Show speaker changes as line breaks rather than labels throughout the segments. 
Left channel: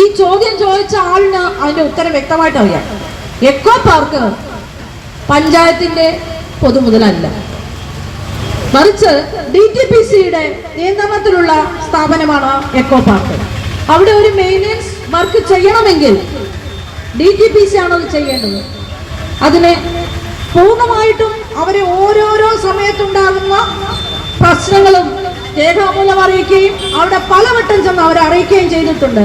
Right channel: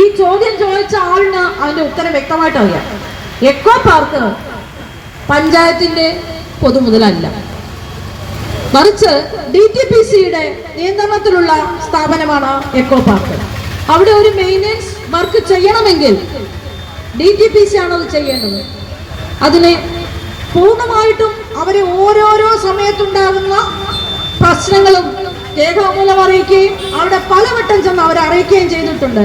ഈ ചോദ്യം ചോദിച്ച ആളിന് അതിന്റെ ഉത്തരം വ്യക്തമായിട്ട് അറിയാം എക്കോ പാർക്ക് പഞ്ചായത്തിന്റെ പൊതുമുതലല്ല. മറിച്ച് ഡി ടി പി സിയുടെ നിയന്ത്രണത്തിലുള്ള സ്ഥാപനമാണ് എക്കോ പാർക്ക്. അവിടെ ഒരു മെയിന്റെനൻസ് വർക്ക് ചെയ്യണമെങ്കിൽ ഡി ടി പി സി ആണ് അത് ചെയ്യേണ്ടത്? അതിനെ പൂർണമായിട്ടും അവർ ഓരോരോ സമയത്തുണ്ടാകുന്ന പ്രശ്നങ്ങളും രേഖാമൂലം അറിയിക്കുകയും അവിടെ പലവട്ടം ചെന്ന് അവരെ അറിയിക്കുകയും ചെയ്തിട്ടുണ്ട്.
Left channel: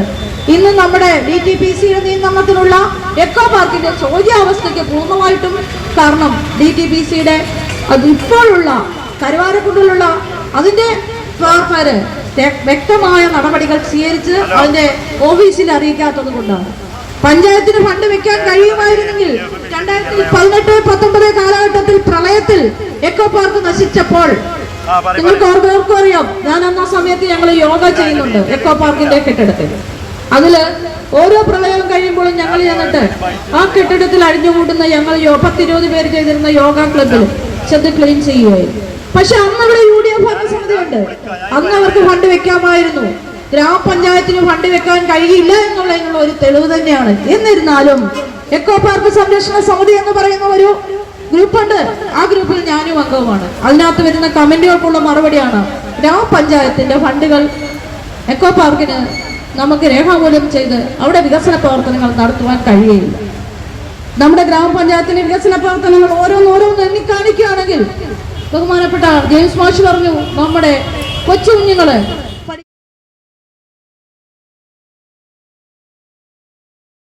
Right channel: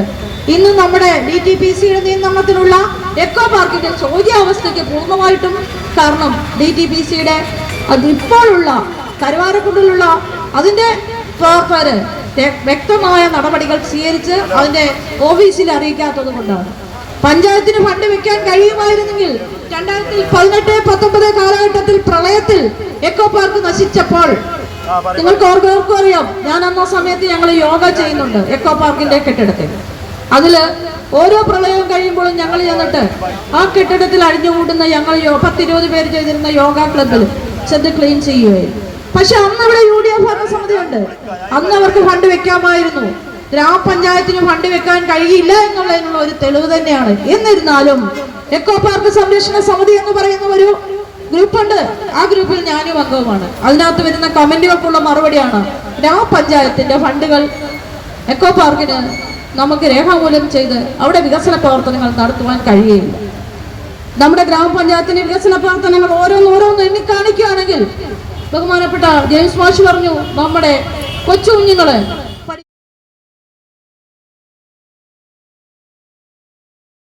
ഇന്ന് നമ്മുടെ ഡി ടി പി സിയുടെ നിയന്ത്രണത്തിലുള്ള എക്കോ പാർക്കിന്റെ ചോദ്യാവസ്ഥയ്ക്ക് പൂർണമായിട്ടും കാരണം ഡി ടി പി സിയുടെ അതിപ്പോഴുള്ള കരുവാരക്കുണ്ടിലുള്ള അതിന്റെ വ്യക്തമായ നടപടികൾ സ്വീകരിച്ച് അതിന്റെ ഓഫീസിൽ അറിയിക്കാത്തത് കൊണ്ടാണ് പഞ്ചായത്തിന് ഫണ്ട് വെക്കാൻ കഴിയുമായിരുന്നെങ്കിൽ രണ്ടായിരത്തി പതിനെട്ട് പത്തൊമ്പത് കാലഘട്ടത്തിൽ പ്രളയത്തിൽ എക്കോ പാർക്ക് നശിച്ചപ്പോൾ നിങ്ങൾക്ക് ഓർക്കും അറിയാം. ഞാൻ അന്ന സമയത്ത് ഞങ്ങൾ യോഗ ചെയ്യുന്നുണ്ട് എക്കോ പാർക്കിന്റെ കെട്ടിടത്തിൽ. അതിൽ ഓരോ പ്രളയവും കഴിയുമ്പോഴും ഞങ്ങൾ ചെന്നിട്ട് ആ കെട്ടിടത്തിൽ അഴിഞ്ഞുകൂട്ടുന്ന ഞങ്ങൾ പത്തിരുപത് പേര് ചെയ്തിരുന്ന യോഗ ക്ലബിൽ ചെന്ന് ക്ലീൻ ചെയ്യുകയായിരുന്നു പക്ഷെ അന്ന് ഇവിടെ യു ഡി എഫ് ഭരണസമിതിയുണ്ട്. അന്ന് അവർക്ക് ഫണ്ട് വെക്കാമായിരുന്നു. ഗ്രാമപഞ്ചായത്തിന് ഫണ്ട് വെക്കാൻ കഴിയില്ല എന്നുള്ളതിനുള്ള ഒരു തെളിവ് തന്നെയാണ്. എന്നിരുന്നാലും എക്കോ പാർക്ക് സംരക്ഷണ സമിതി എന്ന് പറയുന്ന ഒരു ഗ്രൂപ്പുണ്ട്. ആ ഗ്രൂപ്പിൽ ഞാനും അംഗവുമാണ്. അതിനകത്ത് വരുന്ന കമന്റുകൾക്കുള്ള മറുപടിയാണ് ഗ്രാമപഞ്ചായത്തിന്റെ ഫണ്ടുകൾ എക്കോ പാർക്കിന് നമുക്ക് രേഖാമൂലം ചെയ്ത് അവിടെ വികസന പ്രവർത്തനങ്ങൾ നടത്തുവാൻ കഴിയുകയില്ല. നമ്മുടെ ഗ്രാമപഞ്ചായത്തിന്റെ വികസന പ്രവർത്തനങ്ങൾ ഓരോന്നോരോന്ന് എണ്ണി കാണിക്കുകയാണെങ്കിൽ ബഹുമാനപ്പെട്ട ജെയിംസ് മാഷ് പറഞ്ഞു നമ്മുടെ കൊച്ചു കുഞ്ഞുങ്ങൾ